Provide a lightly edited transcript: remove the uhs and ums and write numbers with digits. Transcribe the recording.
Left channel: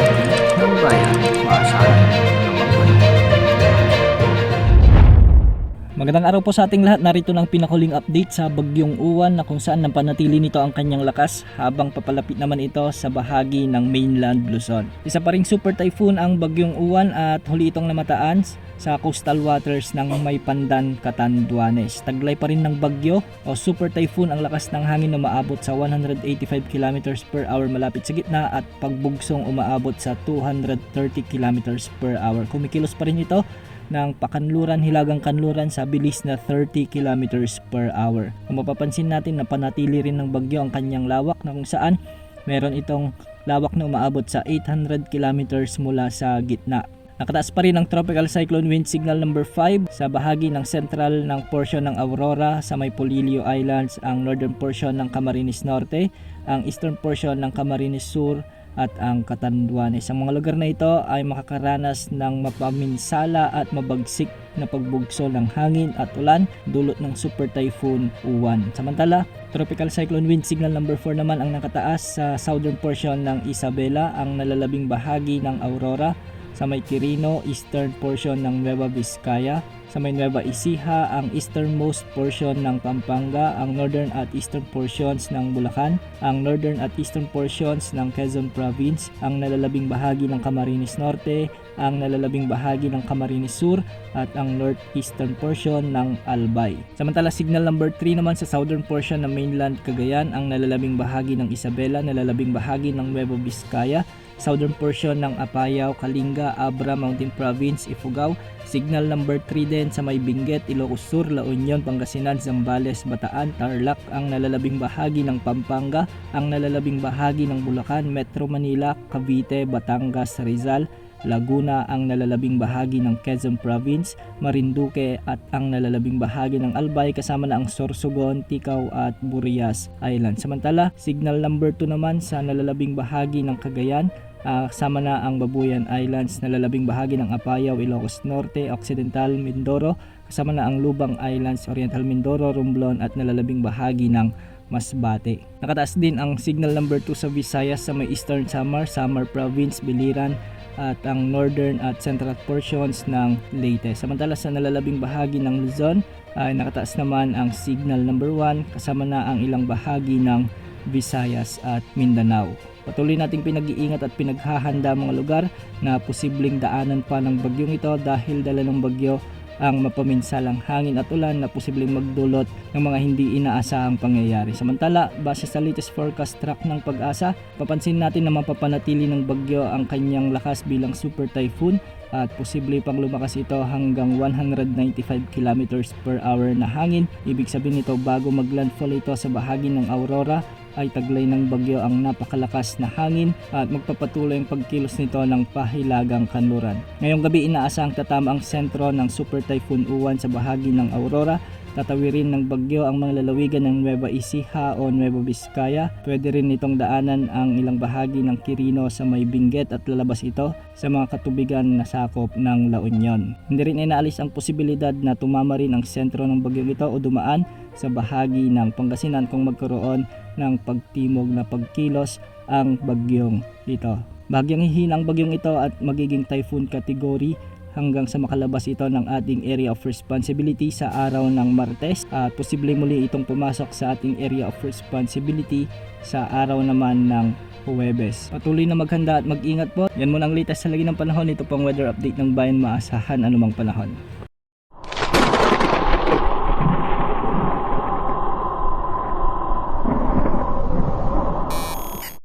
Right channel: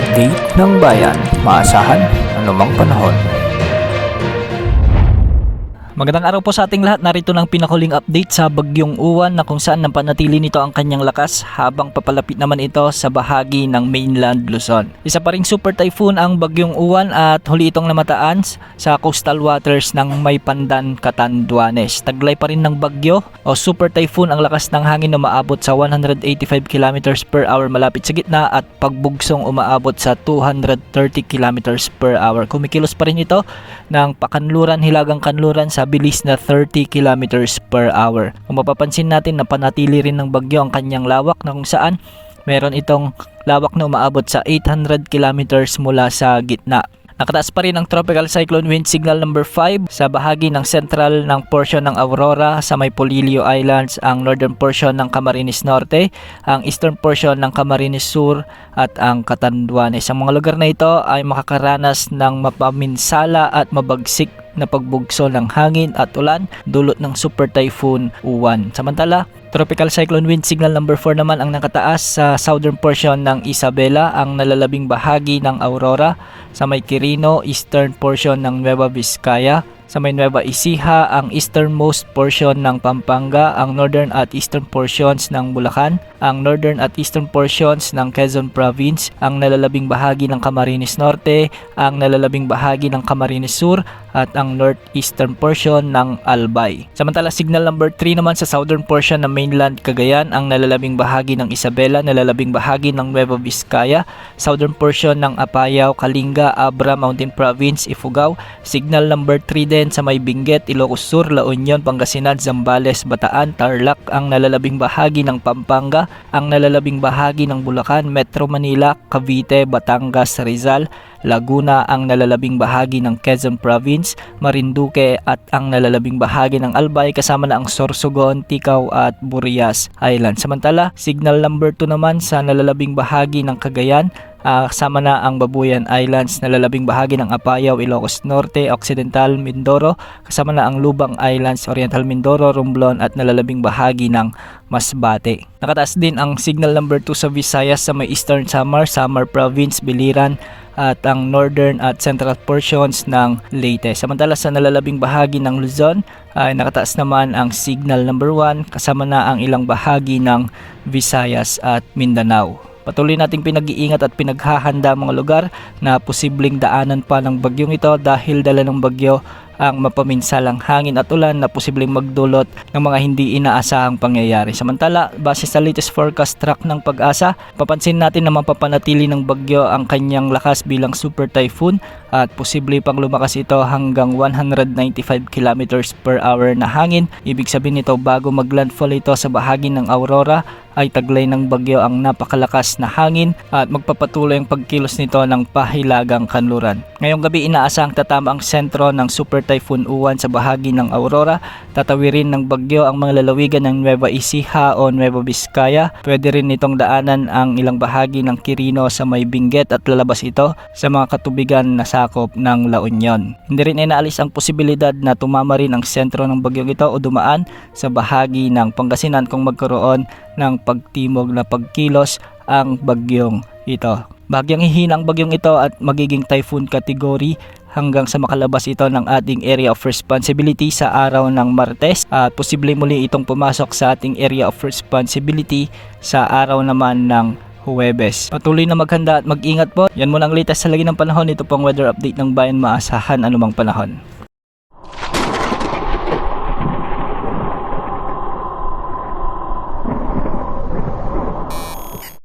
update ng bayan. Maasahan anumang panahon. Magandang araw po sa ating lahat. Narito ng pinakuling update sa Bagyong Uwan na kung saan napanatili nito ang kanyang lakas habang papalapit naman ito sa bahagi ng mainland Luzon. Isa pa ring super typhoon ang Bagyong Uwan at huli itong namataan sa coastal waters ng Maypandan, Catanduanes. Taglay pa rin ng bagyo o super typhoon ang lakas ng hangin na umaabot sa 185 km per hour malapit sa gitna at pagbugsong umaabot sa 230 km per hour. Kumikilos pa rin ito ng pakanluran, hilagang kanluran sa bilis na 30 km per hour. Kung mapapansin natin na panatili rin ng bagyo ang kanyang lawak na kung saan meron itong lawak na umaabot sa 800 km mula sa gitna. Nakataas pa rin ang Tropical Cyclone Wind Signal number 5 sa bahagi ng central ng portion ng Aurora sa may Polillo Islands, ang northern portion ng Camarines Norte, ang eastern portion ng Camarines Sur at ang Catanduanes. Ang mga lugar na ito ay makakaranas ng mapaminsala at mabagsik na pagbugso ng hangin at ulan dulot ng Super Typhoon Uwan. Samantala, Tropical Cyclone Wind Signal number 4 naman ang nakataas sa southern portion ng Isabela, ang nalalabing bahagi ng Aurora, sa may Quirino, eastern portion ng Nueva Vizcaya, sa may Nueva Ecija, ang easternmost portion ng Pampanga, ang northern at eastern portions ng Bulacan, ang northern at eastern portions ng Quezon Province, ang nalalabing bahagi ng Camarines Norte, ang nalalabing bahagi ng Camarines Sur, at ang northeastern portion ng Albay. Samantala, signal number 3 naman sa southern portion ng mainland Cagayan, ang nalalabing bahagi ng Isabela, nalalabing bahagi ng Nueva Vizcaya, southern portion ng Apayao, Kalinga, Abra, Mountain Province, Ifugao. Signal number 3 din sa may Benguet, Ilocos Sur, La Union, Pangasinan, Zambales, Bataan, Tarlac, ang nalalabing bahagi ng Pampanga, ang nalalabing bahagi ng Bulacan, Metro Manila, Cavite, Batangas, Rizal, Laguna, ang nalalabing bahagi ng Quezon Province, Marinduque at ang nalalabing bahagi ng Albay kasama na ang Sorsogon, Ticao at Burias Island. Samantala, signal number 2 naman sa nalalabing bahagi ng Cagayan, kasama na ang Babuyan Islands, nalalabing bahagi ng Apayao, Ilocos Norte, Occidental, Mindoro, kasama na ang Lubang Islands, Oriental Mindoro, Romblon at nalalabing bahagi ng Masbate. Nakataas din ang signal number 2 sa Visayas sa may Eastern Samar Province, Biliran at ang northern at central portions ng Leyte. Samantala sa nalalabing bahagi ng Luzon ay nakataas naman ang signal number 1 kasama na ang ilang bahagi ng Visayas at Mindanao. Patuloy nating pinag-iingat at pinaghahanda mga lugar na posibleng daanan pa ng bagyong ito dahil dala ng bagyo ang mapaminsalang hangin at ulan na posibleng magdulot ng mga hindi inaasahang pangyayari. Samantala, base sa latest forecast track ng Pag-asa, papansin natin na mapapanatili ng bagyo ang kanyang lakas bilang super typhoon at posible pang lumakas ito hanggang 195 km per hour na hangin. Ibig sabihin nito bago maglandfall ito sa bahagi ng Aurora ay taglay ng bagyo ang napakalakas na hangin at magpapatuloy ang pagkilos nito ng pahilagang kanluran. Ngayong gabi inaasahang tatama ang sentro ng Super Typhoon Uwan sa bahagi ng Aurora. Tatawirin ng bagyo ang mga lalawigan ng Nueva Ecija o Nueva Vizcaya. Pwede rin nitong daanan ang ilang bahagi ng Quirino sa may Benguet at lalabas ito sa mga katubigan na sakop ng La Union. Hindi rin inaalis ang posibilidad na tumama rin ang sentro ng bagyong ito o dumaan sa bahagi ng Pangasinan kung magkaroon ng pagtimog na pagkilos ang bagyong ito. Bahagyang hihina ang bagyong ito at magiging typhoon category hanggang sa makalabas ito ng ating area of responsibility sa araw ng Martes at posible muli itong pumasok sa ating area of responsibility sa araw naman ng Huwebes. Patuloy na maghanda at mag-ingat po. Yan muna ang latest sa lagi ng panahon. Ito pong weather update ng bayan, maasahan anumang panahon.